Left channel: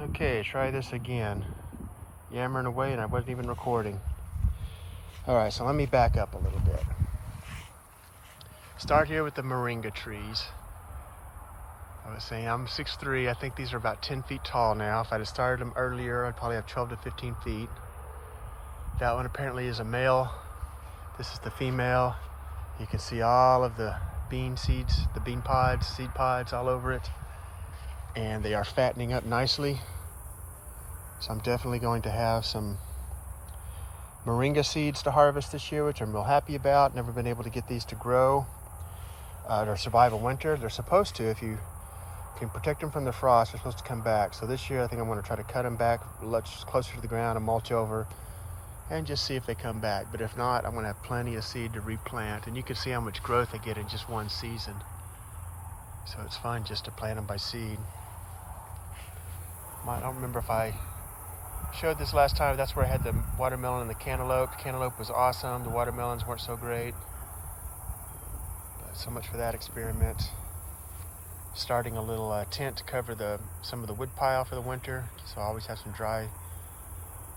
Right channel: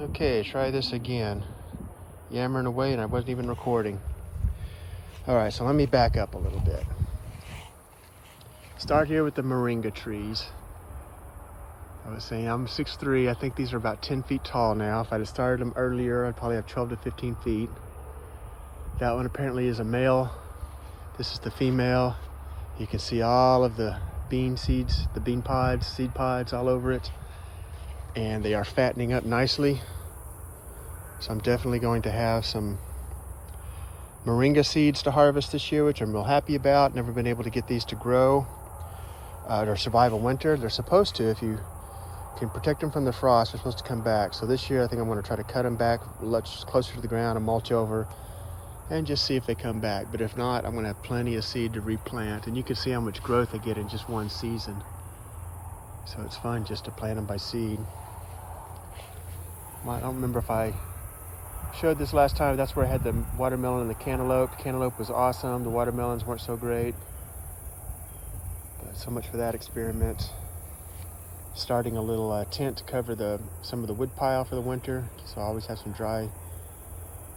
Okay, try this again. Yammering away and I wasn't even recording. All right, so let me back up a little bit. Start here with the moringa trees. I was saying I'm 6'3". I think these are about 10 feet tall now. If I'd have started them earlier, I'd probably have 12 to 15 feet. That one apparently is a male. This is the female. You can see all of the bean seeds, the bean pods, seed pods all over it. And they are fattening up nicely. So I'm definitely going to have some moringa seeds to harvest this year, which I'm real happy about. Never been able to get these to grow or survive a winter. They're supposed to. If you can protect them from the frost, they're supposed to come back. So this year I think I'm going to try to cut them back much closer to the ground and mulch over and just see if they come back. But if not, I'm going to have plenty of seed to replant. And you can see how much growth they get in just one season. So it's fun just to plant them by seed. Well, I don't remember if I showed this last time. That's where I had the watermelon and the cantaloupe. Cantaloupe was awesome. The watermelons weren't so great. So much for that experiment. Starting a little tent to cover some of the wood pile for the winter. So I always have some dry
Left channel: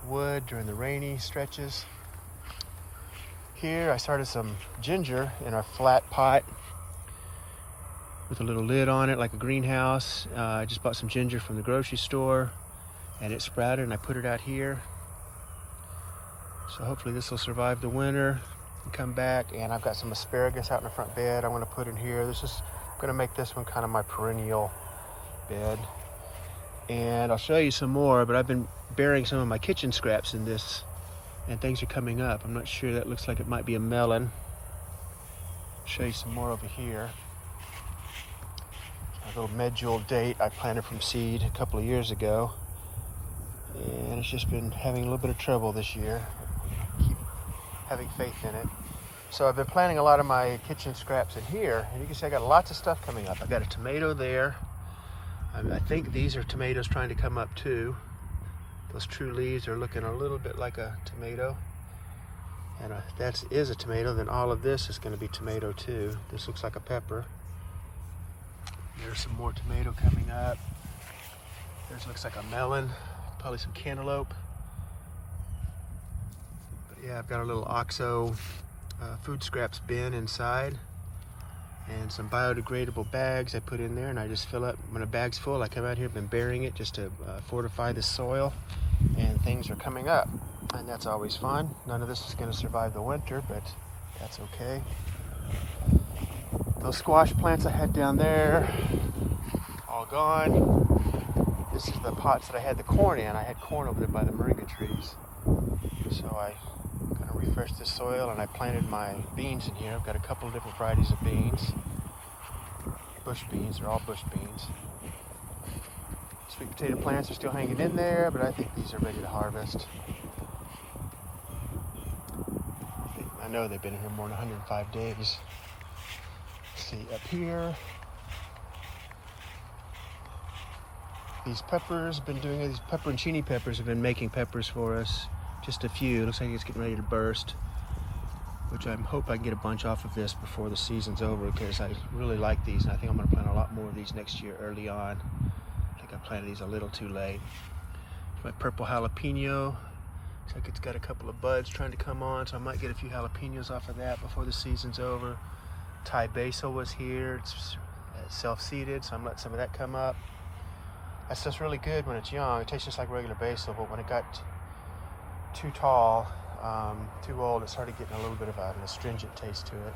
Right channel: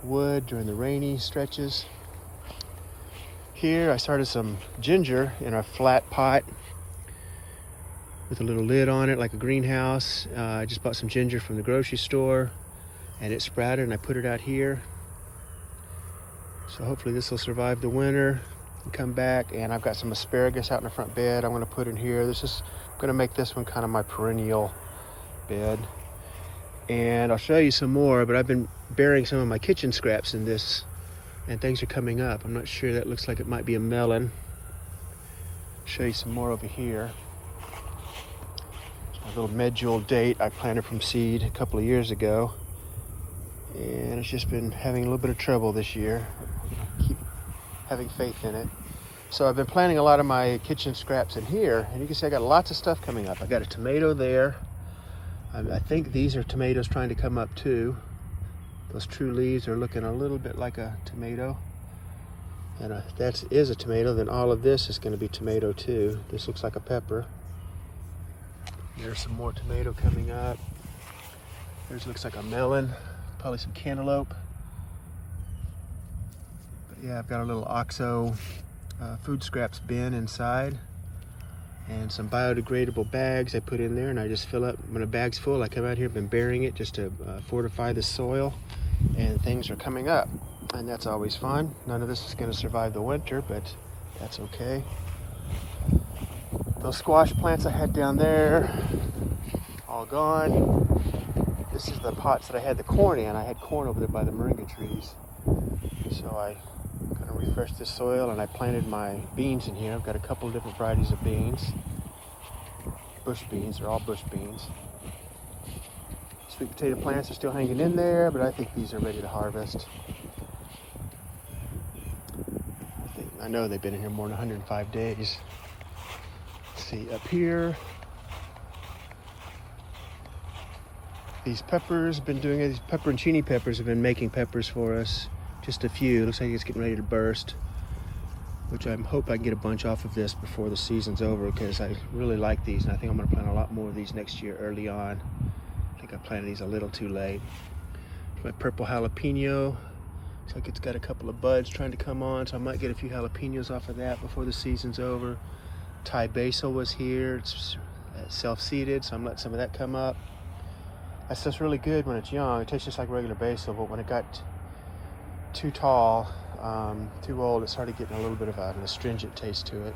wood during the rainy stretches. Here I started some ginger in a flat pot with a little lid on it like a greenhouse. I just bought some ginger from the grocery store and it sprouted and I put it out here. So hopefully this will survive the winter and come back. And I've got some asparagus out in the front bed I'm going to put in here. This is going to make this one kind of my perennial bed. And I'll show you some more, but I've been burying some of my kitchen scraps in this and things are coming up. I'm not sure. That looks like it might be a melon. I'll show you some more over here. A little medjool date I planted from seed a couple of years ago, and it's just been having a little bit of trouble this year. Keep having faith in it. So I've been planting a lot of my kitchen scraps in here, and you can see I got lots of stuff coming up. I've got a tomato there. I think these are tomatoes trying to come up too. Those true leaves are looking a little bit like a tomato. And if that is a tomato, then all of this is going to be tomato too. This looks like a pepper. There's some more tomato coming up. This looks like a melon, probably some cantaloupe. But yeah, I've got a little OXO food scraps bin inside and some biodegradable bags I put in there, and I just fill up. When a bag's full, I come out here, been burying it just to fortify the soil, and things are coming up. And that's always fun. None of this is going to survive the winter, but that's okay. Those squash plants I had down there, all gone. This is the pots that I had the corn in. I had corn over there by the moringa trees. So I kind of refreshed the soil and I planted my beans in here. I've got a couple of different varieties of beans. Bush beans, they're all bush beans. Sweet potato plants are still hanging in there, but I think these are ready to harvest. I know they've been in here more than 105 days. See up here, these peppers have been doing it. These pepperoncini peppers have been making peppers for us. Just a few. Looks like it's getting ready to burst, which I hope I can get a bunch off of this before the season's over, because I really like these and I think I'm going to plant a lot more of these next year early on. I think I planted these a little too late. My purple jalapeno, looks like it's got a couple of buds trying to come on, so I might get a few jalapenos off of that before the season's over. Thai basil was here. It's self-seeded, so I'm letting some of that come up. That stuff's really good when it's young. It tastes just like regular basil, but when it got too tall, too old, it started getting a little bit of an astringent taste to it.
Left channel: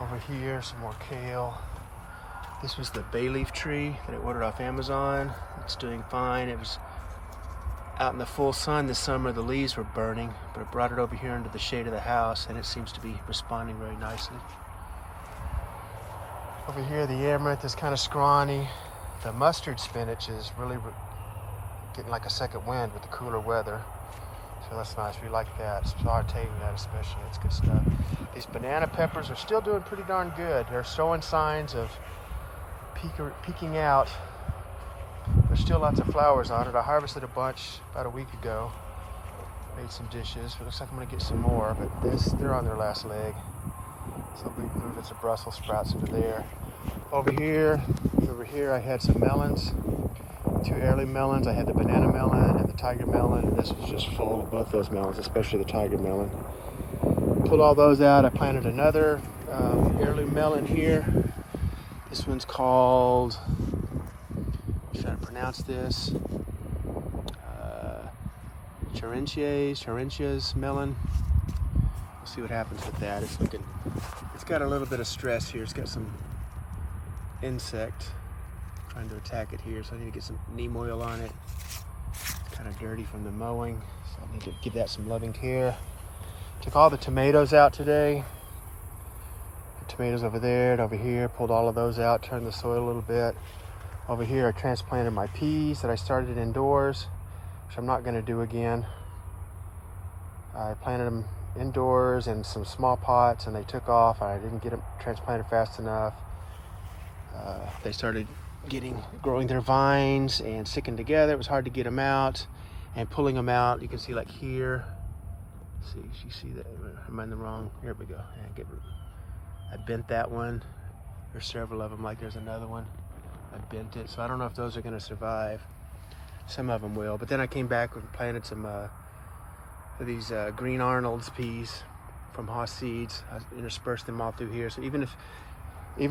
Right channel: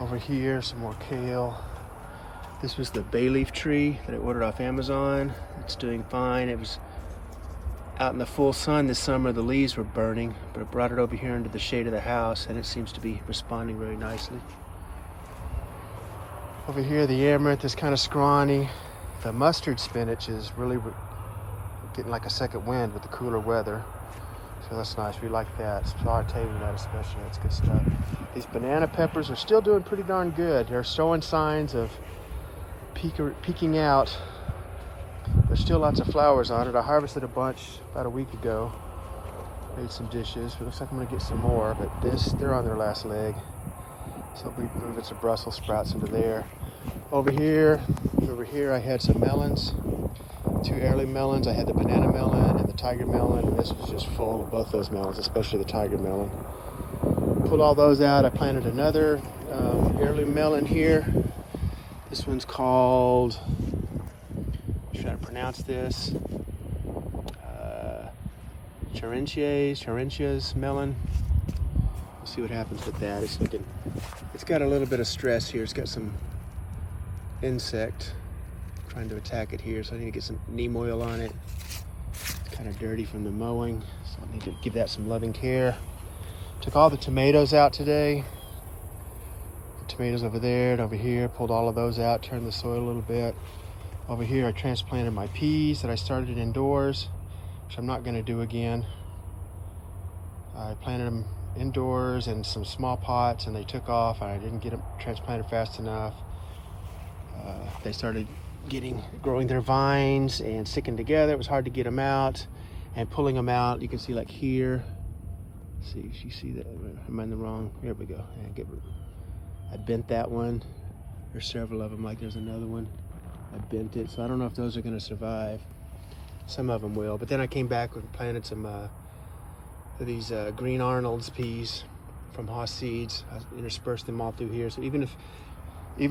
Over here, some more kale. This was the bay leaf tree that I ordered off Amazon. It's doing fine. It was out in the full sun this summer. The leaves were burning, but I brought it over here into the shade of the house and it seems to be responding very nicely. Over here, the amaranth is kind of scrawny. The mustard spinach is really getting like a second wind with the cooler weather. So that's nice. We like that. It's flowering that especially. That's good stuff. These banana peppers are still doing pretty darn good. They're showing signs of peeking out. There's still lots of flowers on it. I harvested a bunch about a week ago. Made some dishes. It looks like I'm going to get some more, but they're on their last leg. So I believe it's a Brussels sprouts over there. Over here I had some melons. 2 heirloom melons. I had the banana melon and the tiger melon, and this was just full of both those melons, especially the tiger melon. Pulled all those out. I planted another heirloom melon here. This one's called, I'm trying to pronounce this, Charentia's melon. Let's see what happens with that. It's got a little bit of stress here. It's got some insect trying to attack it here, so I need to get some neem oil on it. It's kind of dirty from the mowing, so I need to give that some loving care. Took all the tomatoes out today. The tomatoes over there and over here, pulled all of those out, turned the soil a little bit. Over here I transplanted my peas that I started indoors, which I'm not going to do again. I planted them indoors in some small pots and they took off. I didn't get them transplanted fast enough. They started growing their vines and sticking together. It was hard to get them out, and pulling them out, you can see like here. See, you see that? Am I in the wrong? Here we go. I bent that one. There's several of them. Like there's another one. I bent it, so I don't know if those are going to survive. Some of them will, but then I came back and planted some of these Green Arnold's peas from Haas Seeds. I interspersed them all through here, so even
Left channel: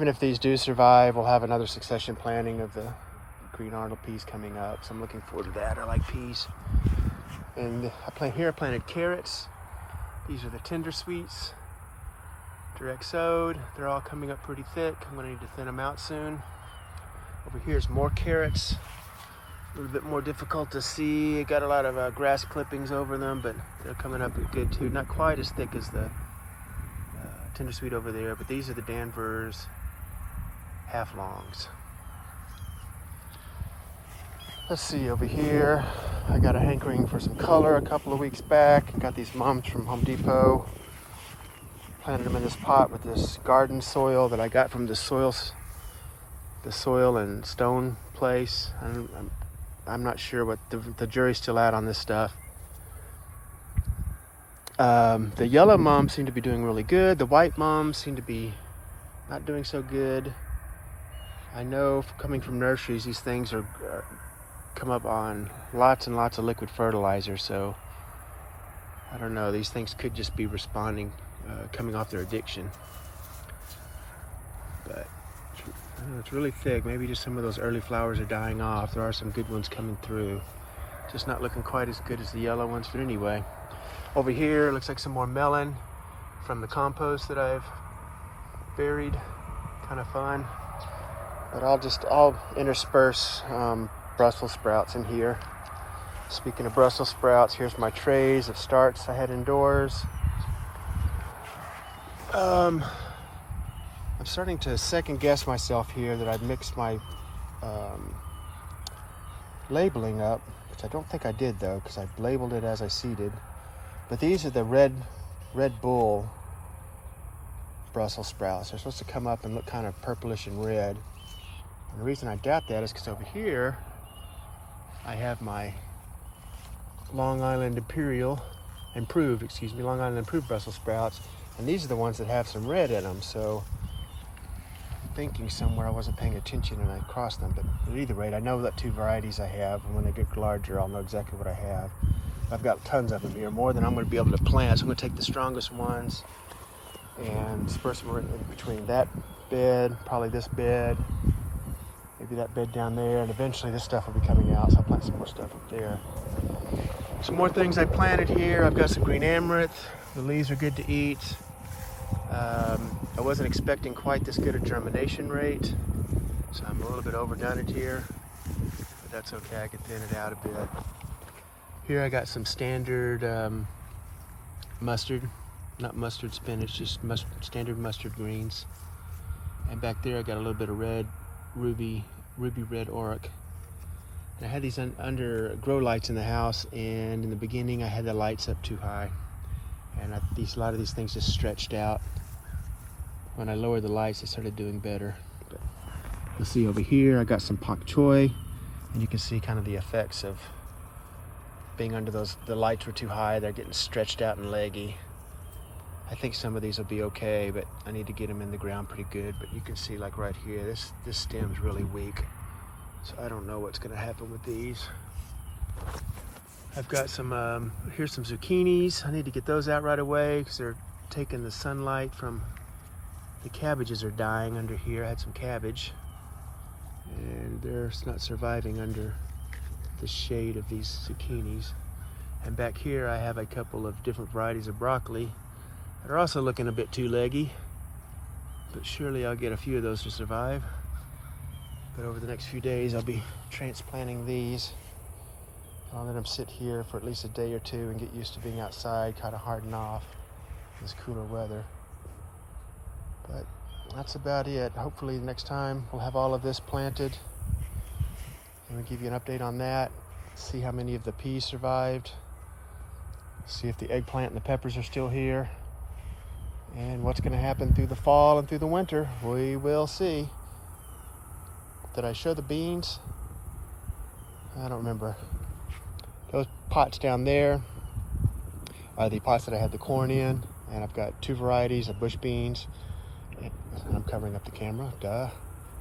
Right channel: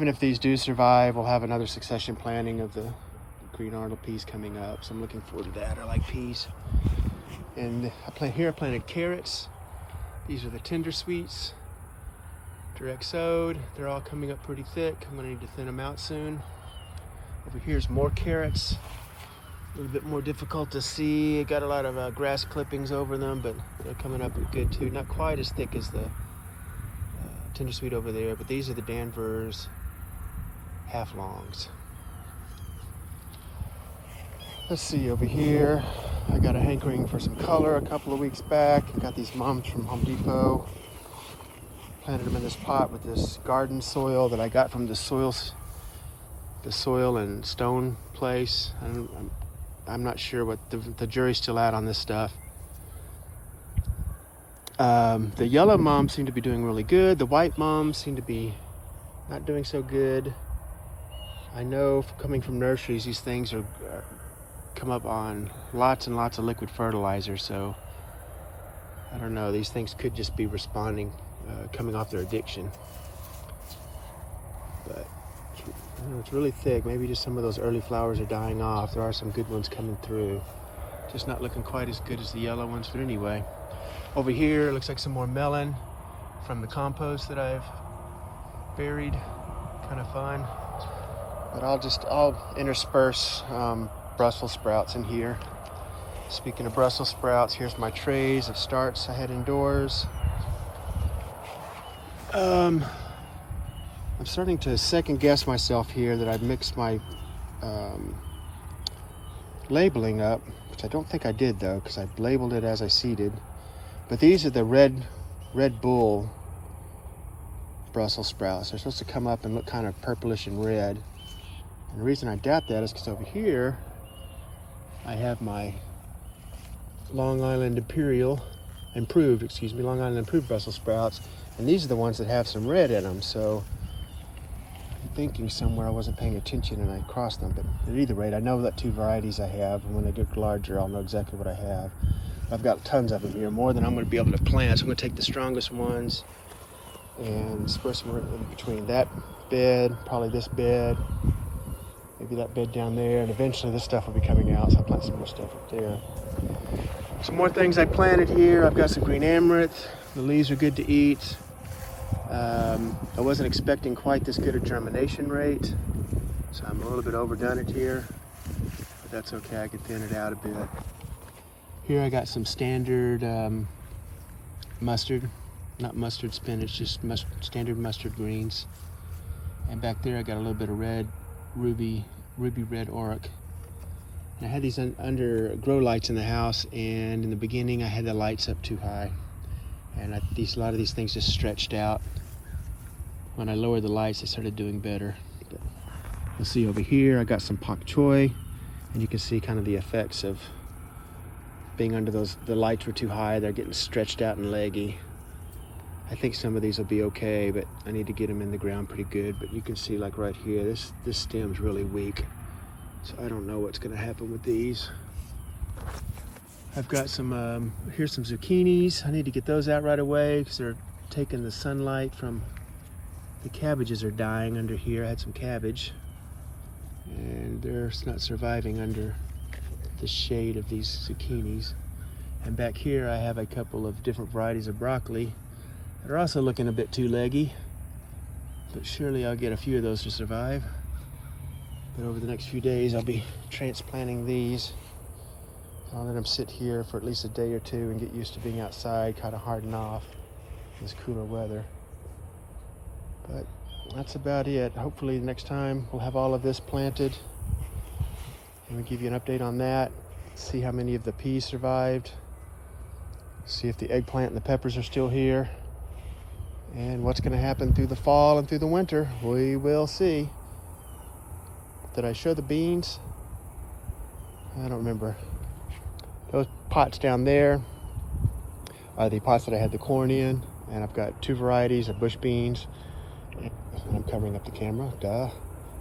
if these do survive, we'll have another succession planting of the Green Arnold peas coming up. So I'm looking forward to that. I like peas. And I planted carrots. These are the tender sweets, direct sowed. They're all coming up pretty thick. I'm gonna need to thin them out soon. Over here's more carrots. A little bit more difficult to see. I got a lot of grass clippings over them, but they're coming up good too. Not quite as thick as the tender sweet over there, but these are the Danvers half longs. Let's see over here. I got a hankering for some color a couple of weeks back. I got these mums from Home Depot. Planted them in this pot with this garden soil that I got from the soil and stone place. I'm not sure what the jury's still out on this stuff. The yellow mums seem to be doing really good. The white mums seem to be not doing so good. I know coming from nurseries, these things come up on lots and lots of liquid fertilizer, so I don't know, these things could just be responding, coming off their addiction. But it's really thick. Maybe just some of those early flowers are dying off. There are some good ones coming through. Just not looking quite as good as the yellow ones, but anyway. Over here, looks like some more melon from the compost that I've buried. Kind of fun. But I'll intersperse Brussels sprouts in here. Speaking of Brussels sprouts, here's my trays of starts I had indoors. I'm starting to second guess myself here that I've mixed my labeling up, which I don't think I did though, because I labeled it as I seeded. But these are the Red Bull Brussels sprouts. They're supposed to come up and look kind of purplish and red. And the reason I doubt that is because over here I have my Long Island Improved Brussels sprouts, and these are the ones that have some red in them. So I'm thinking somewhere I wasn't paying attention and I crossed them. But at either rate, I know that 2 varieties I have, and when they get larger, I'll know exactly what I have. I've got tons of them here, more than I'm going to be able to plant. So I'm going to take the strongest ones and disperse them in between that bed, probably this bed, maybe that bed down there, and eventually this stuff will be coming out, so I'll plant some more stuff up there. Some more things I planted here. I've got some green amaranth. The leaves are good to eat. I wasn't expecting quite this good a germination rate, so I'm a little bit overdone it here, but that's okay. I can thin it out a bit. Here I got some standard not mustard spinach, just standard mustard greens. And back there I got a little bit of red, ruby red oric. And I had these under grow lights in the house, and in the beginning I had the lights up too high. And a lot of these things just stretched out. When I lowered the lights, they started doing better. But you'll see over here, I got some pak choi, and you can see kind of the effects of being under the lights were too high. They're getting stretched out and leggy. I think some of these will be okay, but I need to get them in the ground pretty good. But you can see, like right here, this stem's really weak. So I don't know what's gonna happen with these. I've got some, here's some zucchinis. I need to get those out right away because they're taking the sunlight from, the cabbages are dying under here. I had some cabbage and they're not surviving under the shade of these zucchinis. And back here I have a couple of different varieties of broccoli that are also looking a bit too leggy, but surely I'll get a few of those to survive. But over the next few days I'll be transplanting these. I'll let them sit here for at least a day or two and get used to being outside, kind of harden off this cooler weather. But that's about it. Hopefully next time we'll have all of this planted and we'll give you an update on that, see how many of the peas survived, see if the eggplant and the peppers are still here, and what's going to happen through the fall and through the winter. We will see. Did I show the beans? I don't remember. Those pots down there are the pots that I had the corn in, and I've got two varieties of bush beans. And I'm covering up the camera, duh.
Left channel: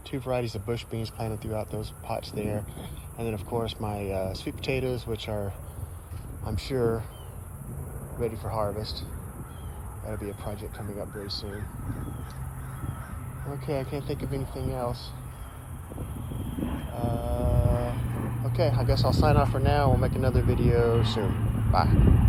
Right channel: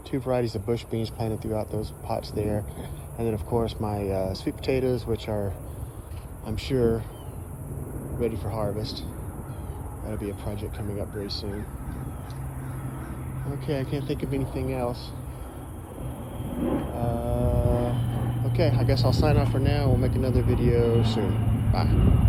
Two varieties of bush beans planted throughout those pots there. And then of course my sweet potatoes, which are, I'm sure, ready for harvest. That'll be a project coming up very soon. Okay, I can't think of anything else. Okay, I guess I'll sign off for now. We'll make another video soon. Bye.